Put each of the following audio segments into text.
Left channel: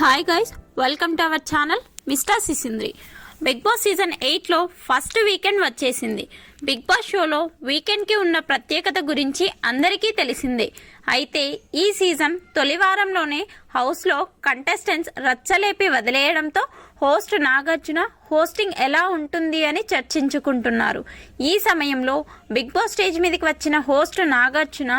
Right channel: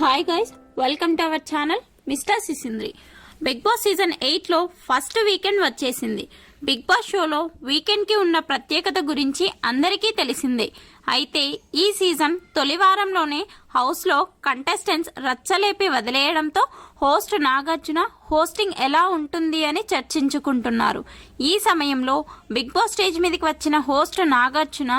Hi guys, welcome to our channel Mister Sisindri. Bigg Boss season 8లో first weekend వచ్చేసింది. Bigg Boss షోలో వీకెండ్కి ఉన్న ప్రత్యేకత గురించి అందరికీ తెలిసిందే. అయితే ఈ సీజన్ తొలి వారంలోనే హౌస్లో కంటెస్టెంట్స్ రచ్చలేపి వదిలేయడంతో హోస్ట్ నాగార్జున హోస్టింగ్ ఎలా ఉంటుంది అని చర్చించుకుంటున్నారు. ఈ సమయంలో బిగ్ బాస్ స్టేజ్ మీదకి వచ్చిన హోస్ట్ నాగార్జున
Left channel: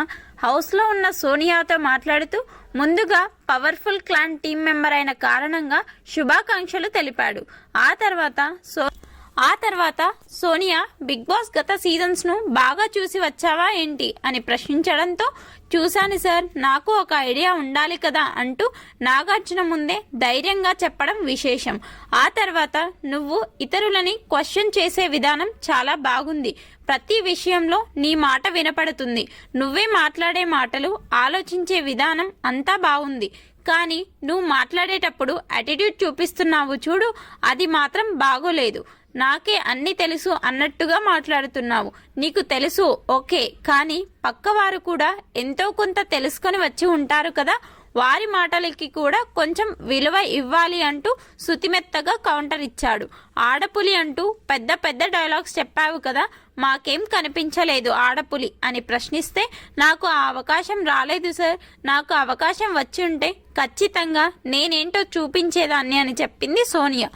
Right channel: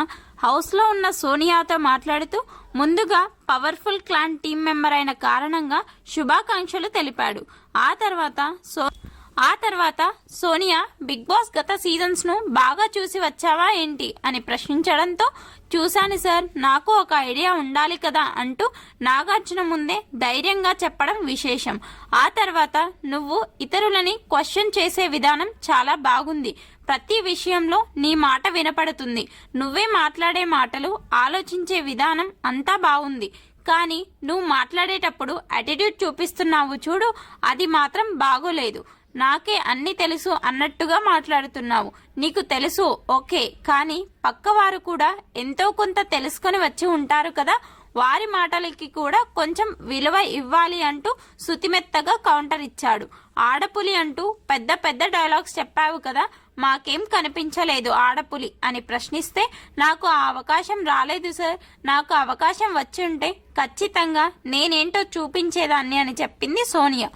హౌస్లో ఉన్న సోనియాతో మాట్లాడుతూ ముందుగా పవర్ఫుల్ క్లాన్ టీం మెంబర్ అయిన కారణంగా శుభాకాంక్షలు తెలిపాడు. ఆ తర్వాత సోనియా బిగ్ బాస్ గత సీజన్స్ను బాగా చూసి వచ్చావా ఏంటి అని ప్రశ్నించడంతో చూశాను సార్, నాకు ఒక ఐడియా ఉండాలి కదా అంటూ నాగార్జున ముందే ధైర్యంగా చెప్పడం విశేషం. ఆ తర్వాత నువ్వు ఇతరులని క్వశ్చన్ చేసే విధానం చాలా బాగుంది. ప్రతి విషయంలో నీ మాట వినపడుతుంది. నువ్వే మాట్లాడే మాటలు, ఆలోచించే విధానం అంతా బాగుంది. కానీ నువ్వు మాట్లాడేటప్పుడు యాటిట్యూడ్ చూపిస్తున్నావు చూడు, అది మాత్రం బాగోలేదు. నాకే అన్నీ తెలుసు అన్నట్టుగా మాట్లాడుతున్నావు. నీకు తెలుసు ఓకే, కానీ పక్కవారు కూడా ఎంతో కొంత తెలుసుకొని వచ్చి ఉంటారు కదా, వారి మాటలకి కూడా కొంచెం విలువ ఇవ్వాలి అంటూ శుతిమెత్తగా కౌంటర్ ఇచ్చాడు. ఆడపులి అంటూ పెద్ద పెద్ద డైలాగ్స్ చెప్పావు కదా, మాకేం కనిపించలేదు ఆడపులి అని ప్రశ్నిస్తే నాకు ఆ అవకాశం రాలేదు సార్, నాకు అవకాశం వచ్చి ఉంటే ఖచ్చితంగా నేనేంటో చూపించేదాన్ని అని చెప్పింది సోనియా.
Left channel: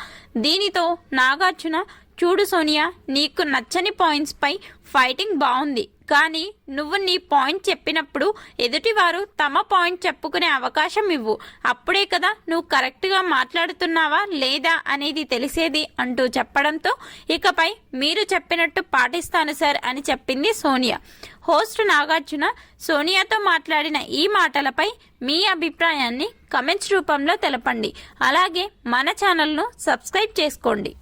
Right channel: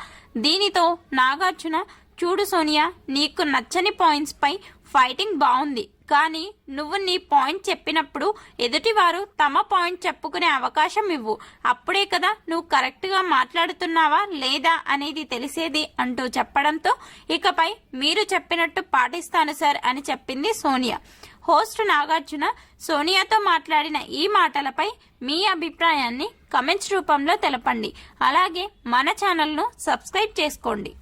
దీనితో నాగార్జున, చూడు సోనియా, నీకు నచ్చని పాయింట్స్ పై ఫైటింగ్ బాగుంది, కానీ నువ్వు నీ పాయింట్ చెప్పినప్పుడు ఎదుటివారు తమ పాయింట్ చెప్పుకునే అవకాశం ఇవ్వు. అప్పుడే కదా నువ్వు కరెక్ట్గా మాట్లాడుతున్నావా లేదా అనేది తెలిసేది అంటూ చెప్పడంతో ఇకపై మీరు చెప్పినట్టు పాటిస్తాను సార్ అని చెప్పింది సోనియా. హోస్ట్ నాగార్జున సోనియాతో మాట్లాడిన ఈ మాటలపై మీ అభిప్రాయాన్ని కమెంట్స్ రూపంలో తెలపండి. అలాగే మన ఛానల్ను సబ్స్క్రైబ్ చేసుకోండి.